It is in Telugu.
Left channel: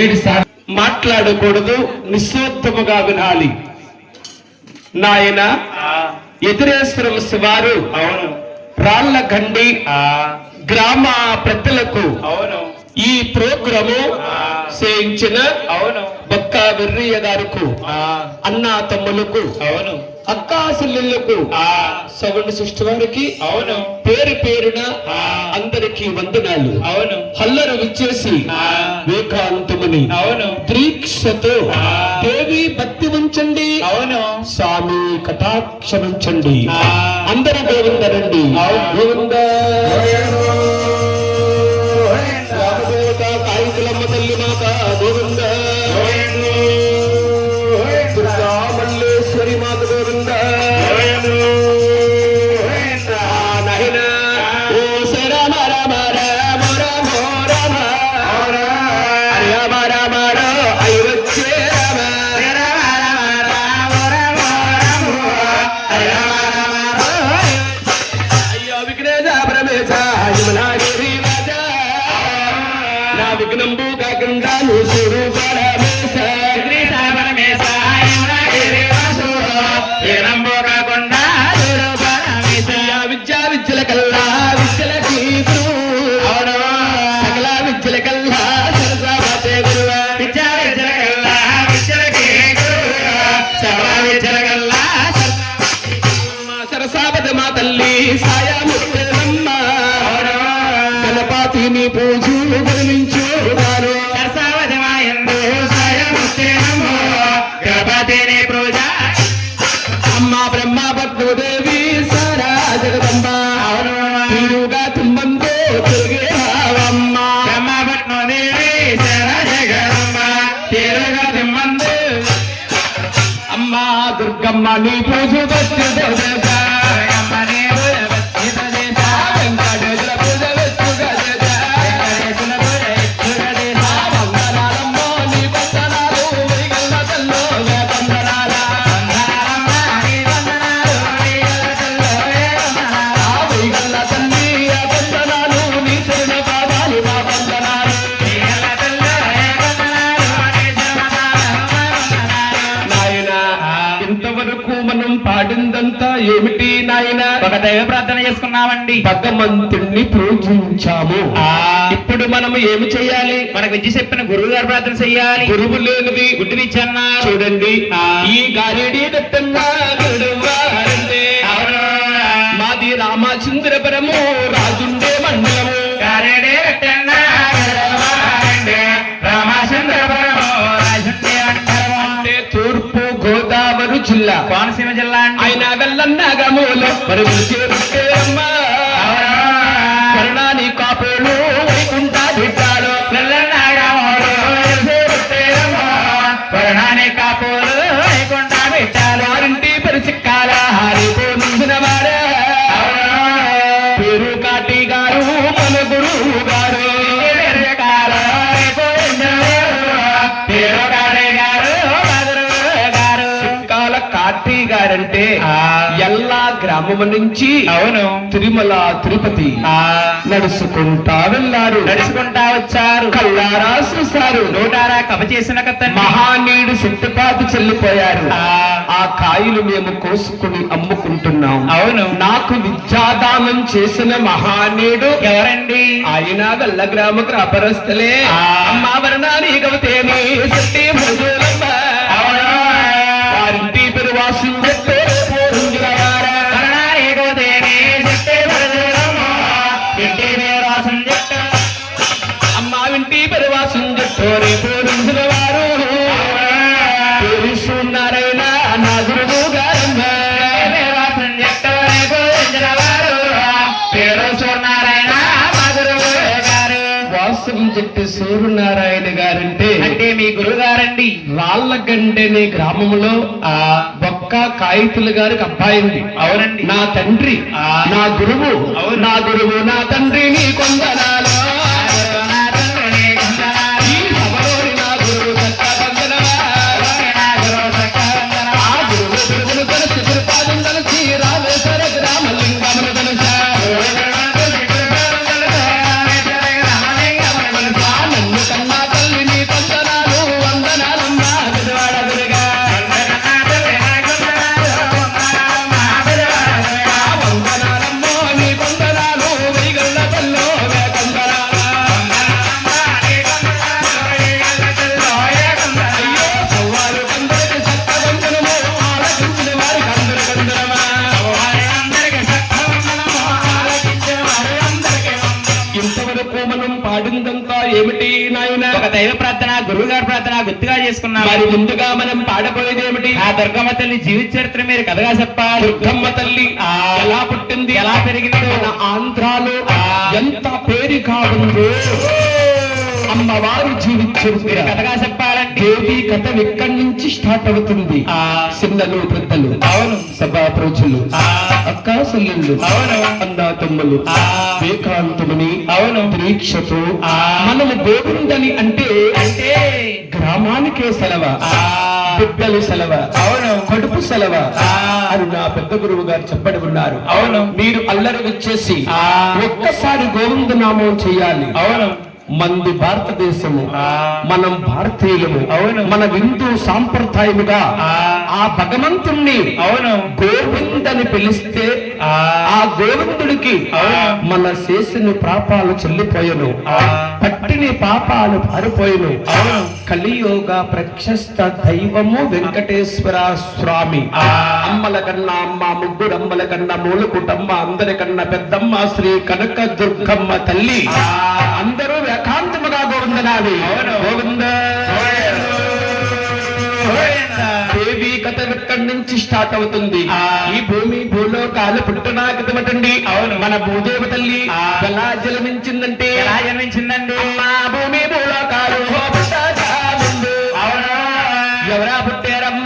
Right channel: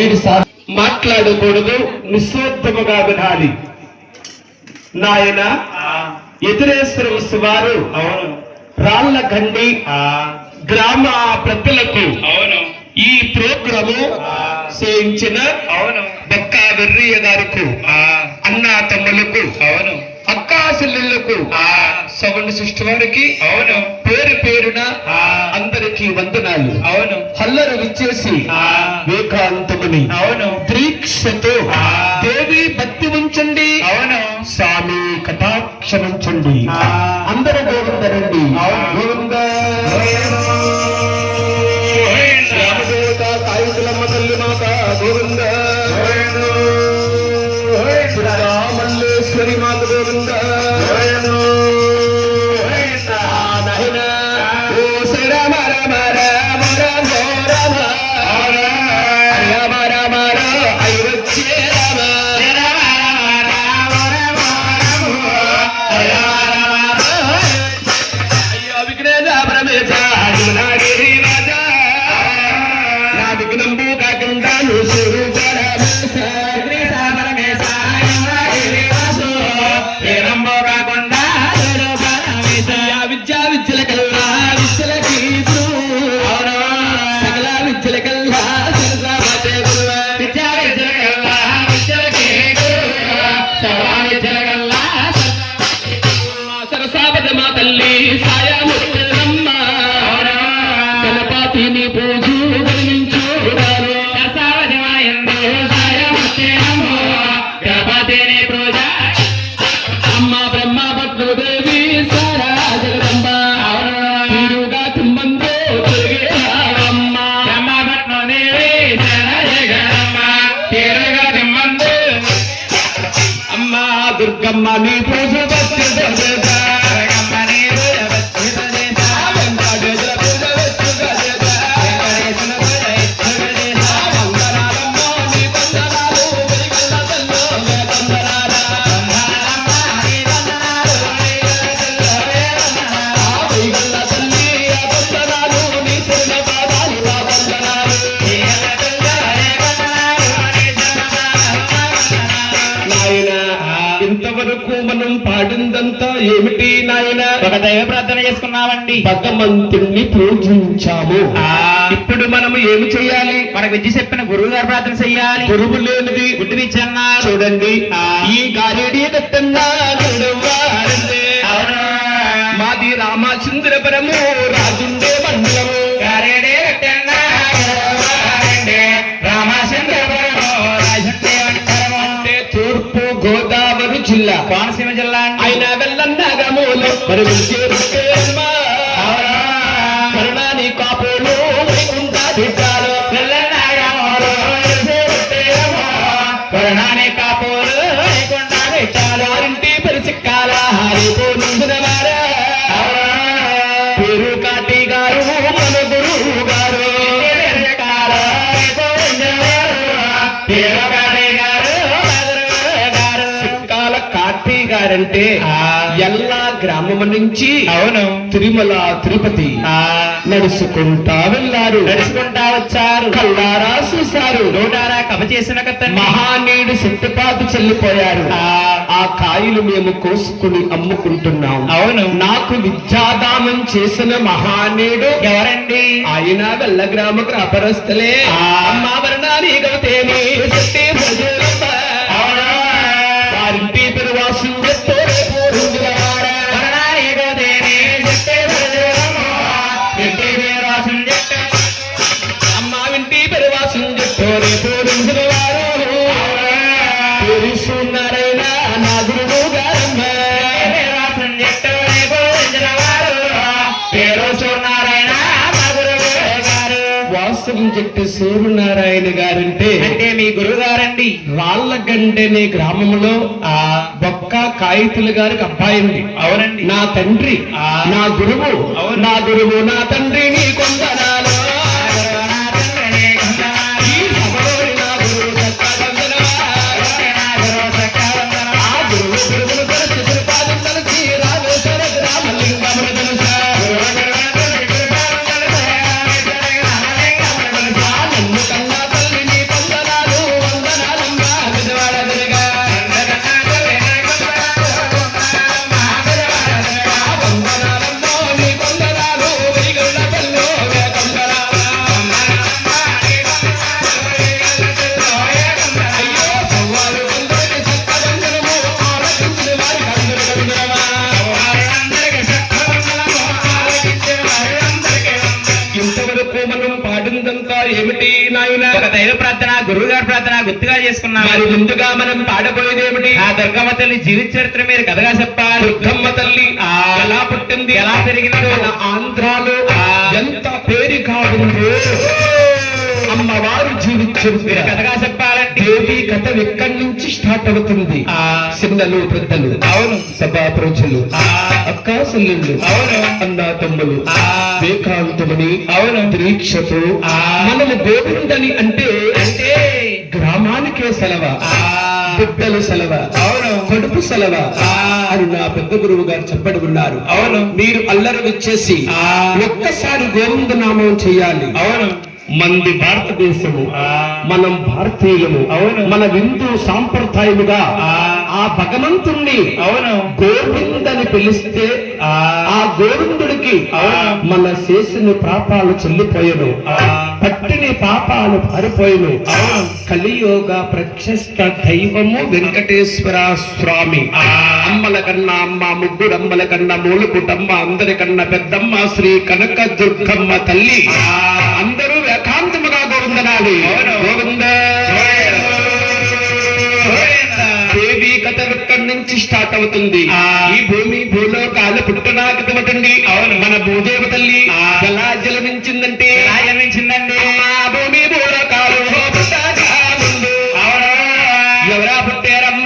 ఏడు సార్లు మాట్లాడకూడదు, నిస్వార్థముగా వినాలి. నాయన ఎదురేశ్వర వారు రాళ్ల గండి గ్రామ ప్రజలకు ఈ ప్రోగ్రాము చేయించిన బక్కా వెర్రయ్య గారికి, అన్నా తమ్ములకు, అక్కా చెల్లెళ్లకు, సవణ సృష్టి వారికి పేరు పేరున అందరికీ వందనాలు. హల్లరు విచ్చేసి వేకాంతముని దీక్షతో దేవి భక్తి ఉంచండి, స్వామి కటాక్షమించండి. అందరూ గోవిందరండి. గోవింద కాయుతులమ్మ తల్లి మాత గోవింద, మల్లేశ్వరి మాత గోవింద. విఘ్నంబు కాకుండా విద్యా విద్యల కల్లా విద్యలకి సకల విద్యల కల్లా విద్యా విద్యల కల్లా విద్యలకి విద్యల కల్లా సరసావత మా తల్లి సాయముత్తమ్మ గణపతిని పూజు గణించు గణపతిని పూజ అమ్మ బ్రహ్మ పద్మదేవి సారా జగదంబ తీరుగా తుమ్మంతో తిరిగేవారమ్మ. బ్రహ్మ పద్మదేవి సారా జగదంబ తీరుగా తుమ్మంతో అమ్మ దుర్గమ్మ నీ పూజ మనం పాడిందంతా ఏమిటి నాయన? ఒక దైవ ప్రార్థన చేసుకున్నామండి, భగవంతుణ్ణి పూజించాము. ఇప్పుడు మనం ఏమి చేయాలి? మనకు విద్య చెప్పిన గురువు గారు ప్రార్థన చెయ్యాలి. గురువు లేనిది గుడ్డి విద్య అన్నారు. చూడండి, ఈ గారేడి దట్టంగా మాది రామచంద్రపురము రాజుండే మండలము. గారేడే దట్టంగా రామచంద్రపురము రాజుండే మండలము అంటే తూర్పు గోదావరి జిల్లా, కోనసీమ జిల్లా. అయినా వెళ్ళన్నాగమూలు మరి కరుణాని కాపులు వైకుంఠా బిడ్డాలు కరుణాని కాపులు వైకుంఠా బిడ్డాలు ఇంటి పరిసిక్కాల హారిపోనించిన వారే పేరు కాటి గారు మన గురువు గారు గారంటే ఎల్లా గ్రామం నుంచి తిరుమల తిరుపతి నడుచుకుంటా వెళ్ళారు, నడుచుకుంటా వచ్చారు. కల్లారా చూశారు, నోటారా కబ చేసిన మహానీయుడు శక్తిపాతి చెల్లిపోయారు. ఆ కాయలు మేము కోసుకుని అమ్ముకుంటున్నాం. అవును, నాకు విద్యాదానం చేసిన మహానీయుడు ఎవరండి? ఆయన వెళ్ళ గ్రామ అపరస్తులే. అమ్మావరణాన్ని గవతేమి శక్తి భజులమ్మ వారింటి పెరువాసు అమ్మా ఇంటి పెరువాసం చెప్తోనే పూజించిన వారు పూజిస్తున్నారైన నా గురువు గారమ్మ. వాస్తవం చెట్టు సూర్యనారాయణ గారంటే అంటే మీ గురువు గారండి. రాళ్లగండెనే గ్రామంలో బొక్క కాయితుల గారికి అబ్బాయి ఉంది. అవునండి, నా తండ్రి నా గురువు, నా గురువు నా తండ్రి నీ కొందనాలు. నన్ను కన్నా తల్లి నీ కొందనాలు. దైవ ప్రార్థన, గురువు గారి ప్రార్థన గుర్తుగా చేసుకున్నాం. మరి ముందుగా మనం పాడబోయేది ఏమిటి? ఆ దుర్గమ్మ తల్లి జీవిత చరిత్ర మీరు కథగా చెప్పాలి. దుర్గమ్మ తల్లి ఎలా పుట్టింది, ఎలా పెరిగిందో, మన ఆంధ్రాలో ఎంత పేరుగా ఉందో అమ్మవారు జీవించారు కథగా చెప్పాలండి. దేవి కథ ఎక్కడి నుంచి స్టార్ట్ అవుతుంది? చిన్నలు పెద్దలు, అవును, సభా ప్రజలు, ఆ, అక్కా చెల్లెళ్ళు, అవును, అన్నా తమ్ములు, ఏకాంతమని, అవును, దీక్షతో మనము గోవిందని అంటే అంటే గ్రామానికే సెలవ, బిడ్డలు సెలవ, అవును, కడుపు సెలవ అని నా పెద్ద గురువు గారు చెప్పడి ఉన్నారు. అవును, మీరు అల్లరి వచ్చేసి ఒక్కసారి గోవింద నామం చేయాలి. అవును, మంది భారతదేశము, మనం భారతీయులము, అవును, మన హిందూ సాంప్రదాయముగా ఆ భగవంతుణ్ణి అవును, గోవిందని పిలిస్తే ఆ గోవిందుడికి మన చేసిన పాపాలు చెల్లిపోయెను, పట్టిని పాపాలు పారిపోయెను. కలియోగ ప్రశస్త దైవము వెంకటేశ్వర స్వామి. అమ్మల కన్నా అమ్మ, ముగ్గురు అమ్మల కన్నా మూలకుటమ్మ, అందరికన్నా పెద్దమ్మ శ్రీ కనక దుర్గమ్మ తల్లి. అందరూ ఏకాంతముగా గోవిందనాలి. గోవింద దేవి కథ ఎక్కడి నుంచి స్టార్ట్ అవుతుంది? ఈ భూమి భూలోకాలు పుట్టునాకటండి. అవును, మన భూదేవ తల్లి ఎలా జన్మించిందంటే, ఎలా జన్మించిందండి? భూమి భూలోకాలు పుట్టగా ముందు ఎవరా పుట్టారమ్మ?